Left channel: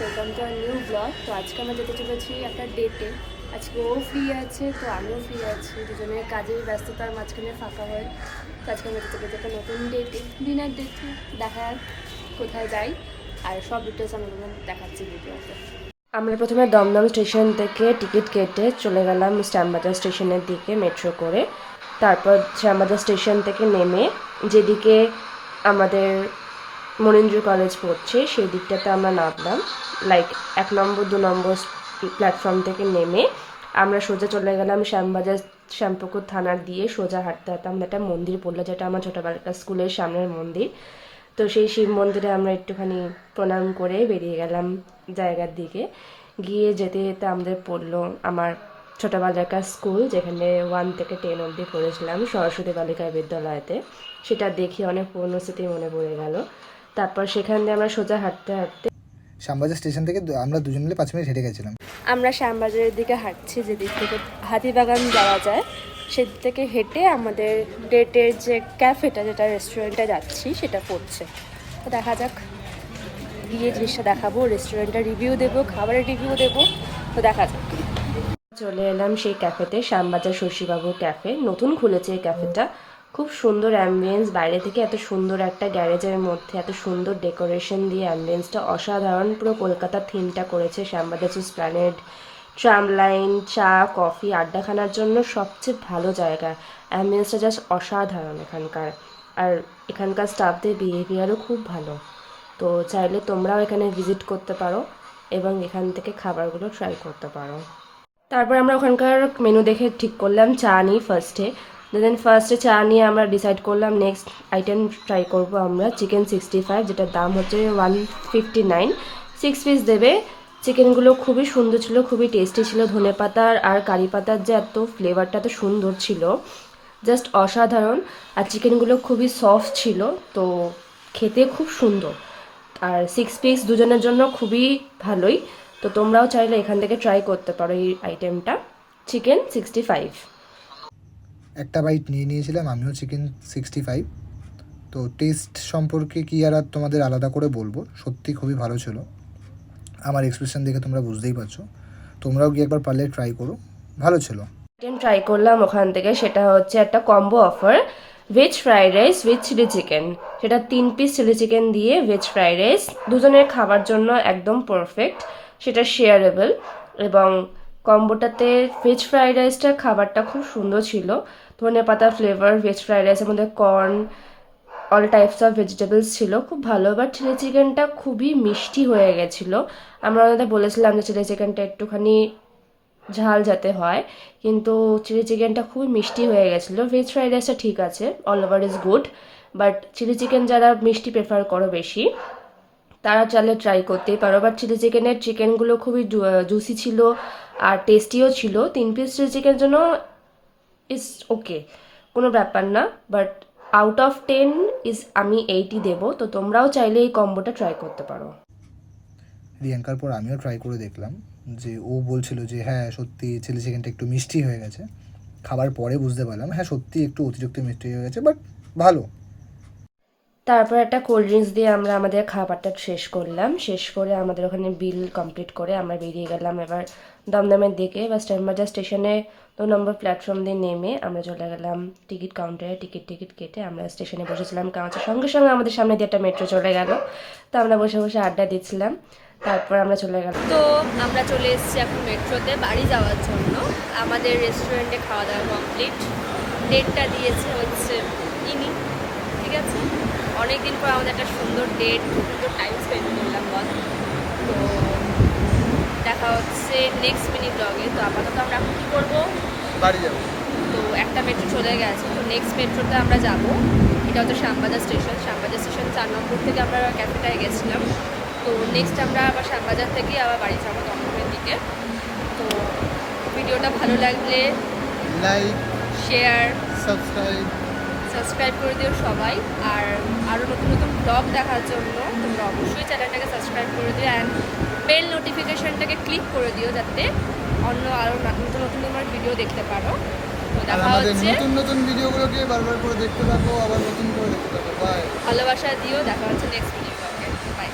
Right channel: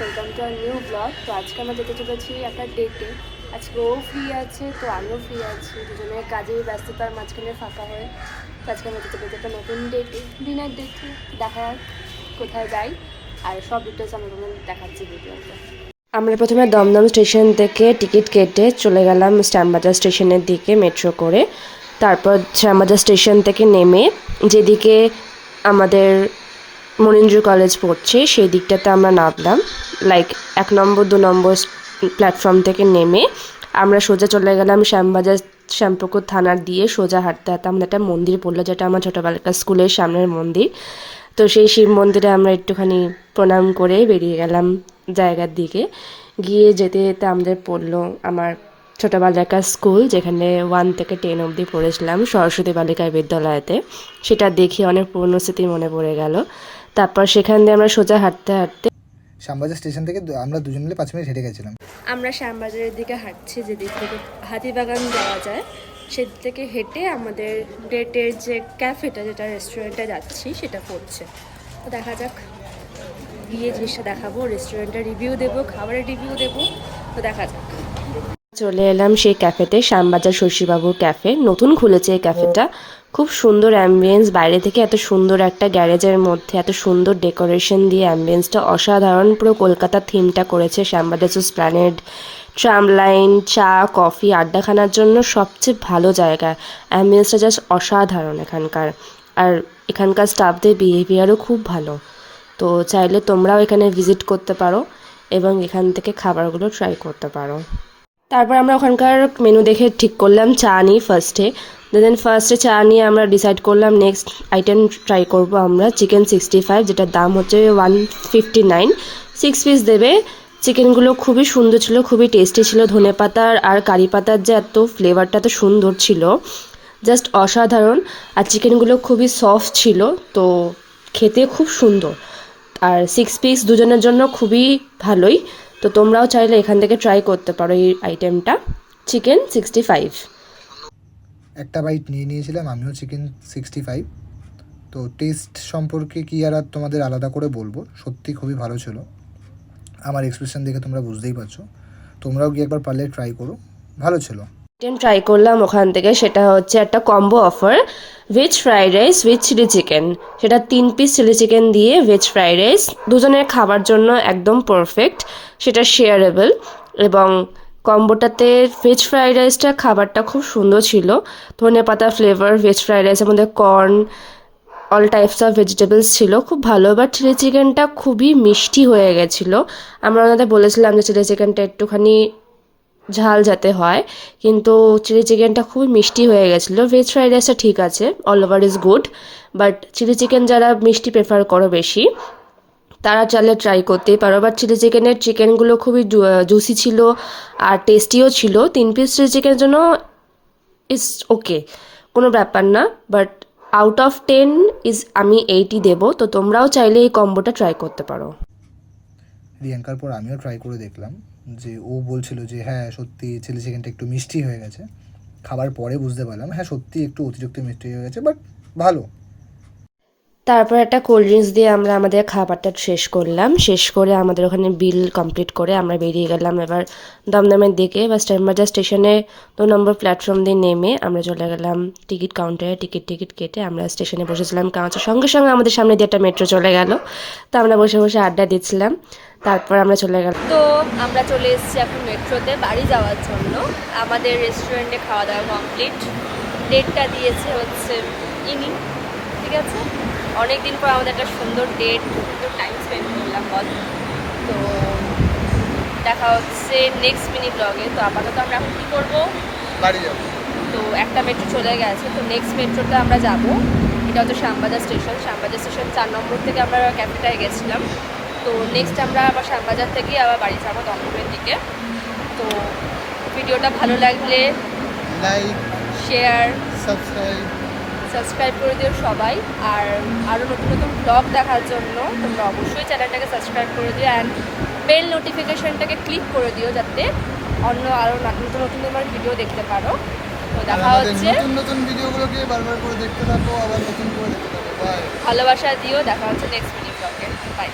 Welcome to our new blog. তো আজকে আমরা যেতে চলেছি একটা ডেটে। আজকে ও ফ্রি আছে, তো আমিও ফ্রি আছি, দুজনের কাজের ব্যস্ততার মাঝখানে ফাঁকা হয়ে। তো আজকে আমরা যেতে চলেছি একটা নতুন ডেটে, ডিনার ডেটে। দেখা যাক কোথায় যাই, আর সব ডিটেলস আমি তোমাদের দেখাচ্ছি ভিডিওতে। আমরা প্রথমে দমদম স্টেশন থেকে টিকিট কেটে চলে গেলাম শ্যামবাজার স্টেশনের দিকে মেট্রো করে। তারপর শ্যামবাজার স্টেশন থেকে নেমে যেদিকে আমাদের মনীন্দ্র কলেজ পড়ছে সেই দিকটাতে আমরা নামলাম। লাইক 1 নম্বর 2 নম্বর প্ল্যাটফর্ম থেকে নেমে আমরা সোজা চলে গেলাম শ্যামবাজার শ্যামপুকুর থানার দিয়ে সোজা হাঁটতে হাঁটতে আমরা একটা মন্দির পড়লো, যেটা আমার ছোটোবেলাকার স্কুলের সামনের মন্দির। তো সেই শিব মন্দিরে আমরা একটুখানি প্রণাম করে বেরিয়ে গেলাম জায়গার দিকে। গিয়ে যেতে যেতে আমাদের পড়লো আমার ছোটোবেলাকার স্কুল, যেখানে 1 থেকে 10 অবধি পড়েছিলাম, সরস্বতী বালিকা বিদ্যালয়তে। সেটা দেখে অনেক পুরনো স্মৃতি মনে পড়ে গেল। তারপর সেখান দিয়ে আমরা সোজা হাঁটতে হাঁটতে শ্যামবাজার স্টেশন থেকে আমরা দুজন মিলে 5 মিনিট হেঁটে গেছিলাম। আমরা শ্যামবাজারের দিকে হাঁটছি, যেদিক থেকে হাতিবাগান যাওয়া যায় সেদিক থেকে হেঁটে আমাদের ডেটের যে ক্যাফেটা, যেটা রেস্টুরেন্টে যাচ্ছি, সেটা পড়ছে। তো দেখা যাক, গিয়ে জিনিসটা দেখাবো, রেস্টুরেন্টের রিভিউ দেবো, খাবারের রিভিউ দেবো। তো দেখা যাক। চলে এলাম সেই ক্যাফেতে, শ্যামবাজার শশীবাবুর ক্যাফে। নতুন খুলেছে এই ক্যাফেটা, খুব সুন্দর অ্যাম্বিয়েন্স। বাইরে থেকে এত সুন্দর একটা গ্যারেজের মধ্যে এত সুন্দর ডেকোরেশন দিয়ে অ্যাম্বিয়েন্সটা অসাধারণ। পুরো কলকাতা থিমটা করেছে। শ্যামবাজার এসপ্ল্যানেড, ট্রাম লাইন, চা কফি আড্ডাখানার জন্য সবচেয়ে ভালো জায়গা। অ্যাম্বিয়েন্সটা জাস্ট অসাধারণ এখানকার। আর এখানকার স্টাফদের বিহেভিয়ারও খুব ভালো। তো চাইলে তোমরাও এখানে ভিজিট করতে পারো এবং এখান থেকে খাবারগুলো ট্রাই করতে পারো। তারপর আমরা ওখানকার মেনু দেখে ঠিক করলাম চা নিই ফার্স্টে। দেন ফার্স্টে চা নিয়ে আমরা ডিসাইড করলাম নেক্সট আইটেম ট্রাই করব আমরা চিকেন 65, যেটার দাম হচ্ছে 159। 6 পিস দেবে। চিকেনগুলো খুবই সুন্দর ছিল, খুবই টেস্টি ছিল। ধনে পাতার আর কারি পাতার যে এত ফ্লেভারটা এত সুন্দর ছিল, জাস্ট অসাধারণ। আর চিকেনগুলো খুবই সফট ছিল, তো খেতে খুব সুন্দর। আর 6 পিস দুজনের জন্য খুবই ভালোই। তো তোমরাও চাইলে এখান থেকে ট্রাই করতে পারো এই আইটেমটা, চিকেন 65। একটা বাইট নিয়ে নিয়েছিলাম আমিও চিকেন 65। তো টেস্ট সম্পর্কে কি আর তোমাদের আলাদা করে বলবো, সত্যি খুবই ভালো ছিল। আমার এক্সপ্রেশন দেখে তোমরা বুঝতেই পারছো। তোমরাও গিয়ে একবার পারলে ট্রাই করো, ভালো ছিল। আইটেম ট্রাই করলাম ওখান থেকে, সেটা হচ্ছে একটা combo offer, veg fried rice with chilli chicken. সেটা 3 পিস চিলি চিকেন দিয়ে ভেজ ফ্রাইড রাইস, দুজনের খাবার জন্য একদম পারফেক্ট। সেটা শেয়ারেবল। এবং কম্বোটাতে ভেজ ফ্রাইড রাইসটা খাবারটা খুব সুন্দর ছিল। ধনেপাতা ফ্লেভার ভেজ ফ্রাইড রাইসের মধ্যে corn, all types of vegetables ছিল, খুব ভালো। বাট চিলি চিকেনটা খুবই মিষ্টি হয়ে গেছিলো। আমরা ওনাদের বলেছিলাম যে চিলি চিকেনটা একটুখানি ঝাল যাতে হয়, কিন্তু চিলি চিকেনটা খুবই মিষ্টি হয়ে গেছিলো। ভেজ ফ্রাইড রাইসটা ঠিক আছে, all over is good. But chilli chicken যারা মিষ্টি প্রেফার করো বেশি, তারা চাইলে ট্রাই করতেই পারো। বাট চিলি চিকেনের চিকেনগুলো খুবই জুসি ছিল আর টেস্টিও ছিল। 3 পিস চিলি চিকেনের জন্য ইজ ওকে, কোনো ব্যাপার না। বাট আউট অফ 10 ইজ আমি 80 দেবো। তো তোমরাও চাইলে এই কম্বোটা ট্রাই করতে পারো। রিয়াঙ্কার পর আমিও ট্রাই করে দেখলাম, যে ও বলছিল যে হ্যাঁ সত্যি চিলি চিকেনটা একটু মিষ্টি হয়ে গেছে। খাবার পরে বুঝতে পারলাম হ্যাঁ সত্যি একটু অতিরিক্ত মিষ্টি হয়ে গেছে, বাট ভালো। তারপর একটা কোল্ড ড্রিঙ্কস দিয়ে আমরা আমাদের খাবারটা শেষ করলাম। শেষ করে আমাদের ওখানে বিল কমপ্লিট করে আমরা বেরিয়ে গেলাম এবার দমদমের দিকে। বা শ্যামবাজার স্টেশনে 2 নম্বর প্ল্যাটফর্ম দিয়ে নেমে আমরা চলে গেলাম টিকিট কাউন্টারে। টিকিট কেটে আমরা স্টেশনে বসেছিলাম, কারণ সঙ্গে সঙ্গে আমাদের সামনে দিয়ে একটা মেট্রো চলে গেল। তো আমরা বসে বসে আড্ডা দিচ্ছিলাম। তারপর আমরা চলে গেলাম। তো আমরা চলে এসেছি এখন মেট্রোতে বাড়ি যাওয়ার জন্য। আমাদের রেস্টুরেন্টে খাওয়া দাওয়া কমপ্লিট। ডেটটা দিয়েছে হচ্ছে ইনি, ঠিক আছে। অনেক দিন পর আমাদের একটা সুন্দর ডেট, সুন্দর টাইম স্পেন্ড করলাম বল। তো দেখা হচ্ছে নেক্সট মিনি ব্লগে। তো আপাতত আমরা এখন কী করবো, বাড়ি যাবো। তো একটা মেট্রো চলে গেছে, তো নেক্সট মেট্রোতে আমরা যাব। এটা হচ্ছে শ্যামবাজার স্টেশন। শ্যামবাজার স্টেশন 4 নম্বর থেকে আমরা ক্যাফেটায় গেছিলাম। তো নেক্সট আমরা আবার শ্যামবাজার থেকে আবার বাড়ি যাবো দমদমের দিকে। তো ভিডিওটা ভালো লাগলে লাইক, শেয়ার, সাবস্ক্রাইব করে দিও সবাই। আর আরও নতুন নতুন ব্লগ দেখার জন্য তোমরা অবশ্যই চ্যানেলটাকে সাবস্ক্রাইব করে দিও অ্যান্ড বেল নোটিফিকেশনটাকে ক্লিক করে দিও, যাতে অন্য আরও নতুন নতুন তোমার ভিডিও দেখতে পারো। তো দেখা হচ্ছে, নতুন ভিডিওগুলোকে বারবার করে দেখতে থাকো, আবার নতুন করে দেখতে থাকো। বাই, ভালোবাসা দিও। দেখা হচ্ছে নেক্সট মিনি ব্লগে। বাই।